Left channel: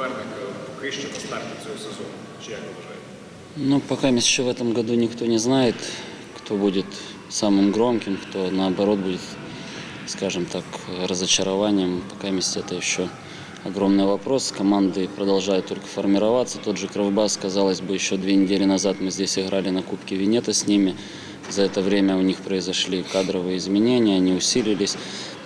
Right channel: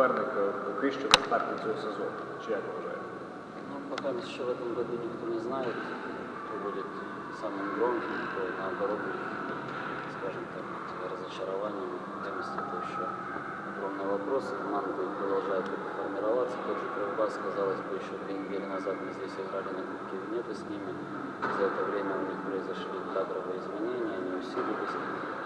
суперник що на цього сезону? Чи як? Ну, пока еще в этом году никто не знает, кто будет самым громким, кто наоборот будет, скажем так, разочарованием. Пока это еще огромный вопрос. Команды продолжают только формироваться. Тот же Кровбас, казалось бы, еще две недели назад мы здесь играли на Кубке Венета с ними. За это время у них произошли кадровые изменения, они усилились.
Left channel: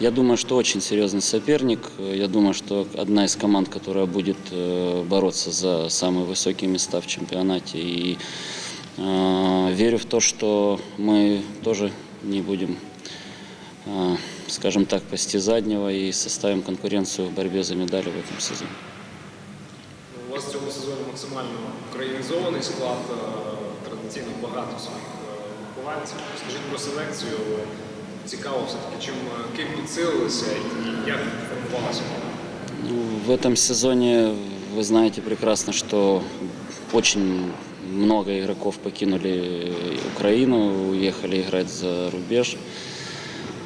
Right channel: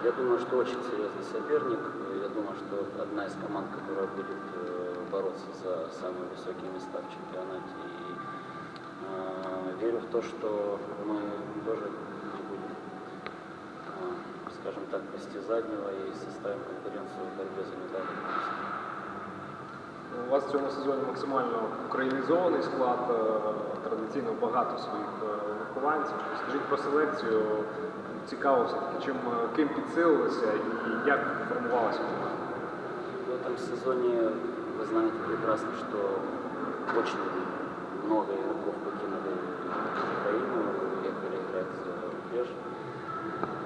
Я думаю, что очень серьезный соперник. Я думаю, что одна из команд, которая будет э, бороться за самые высокие места в чемпионате. И э, верю в то, что мы тоже не будем, э, скажем так, пасти заднего и составим конкуренцию в борьбе за медали в этом сезоне. У вас в цьому сезоні максимально українізований склад, е, традиційно багато своїх е, вихованців. Скажіть про селекцію. Цікаво все-таки, чим е, ким підсилилися і як формувалася вона? Ну, В этом сезоне вы знаете прекрасно, что очень много игроков покинули Украину, уехали играть за рубеж.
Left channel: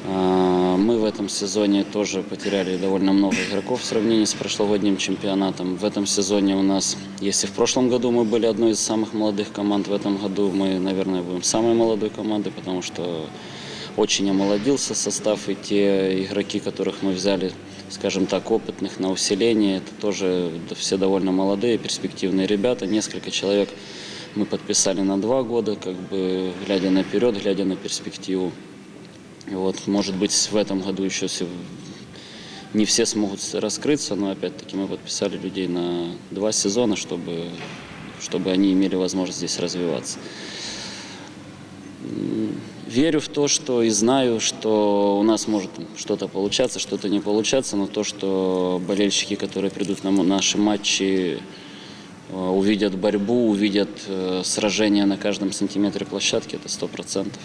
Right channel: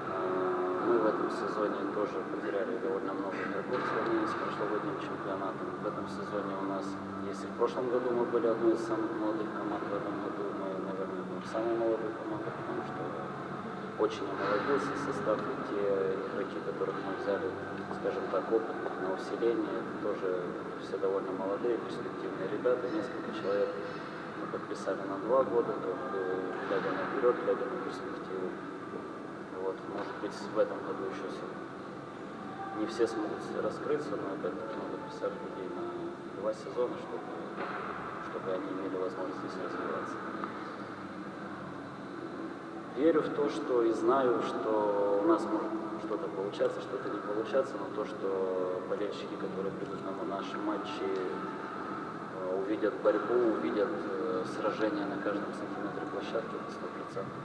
А, Мы в этом сезоне тоже потеряли довольно много игроков в сравнении с прошлогодним чемпионатом. В этом сезоне у нас, если в прошлом году мы были одной из самых молодых команд, в этом году мы, наверное, будем самой молодой командой, потому что очень омолодился состав, и те игроки, которых мы взяли, скажем так, опытных на усиление, это тоже все довольно молодые, перспективные ребята. Несколько человек мы подписали на два года, как бы глядя наперед, глядя на перспективу. И вот, может быть, в этом году еще не все смогут раскрыться, но опять-таки мы подписали людей на два сезона, чтобы, чтобы они имели возможность здесь развиваться. Верю в то, что и знаю, что у нас может что-то получаться, что-то не получаться, но то, что болельщики, которые придут на наши матчи, э, увидят борьбу, увидят э, сражение на каждом сантиметре площадки, это сто процентов.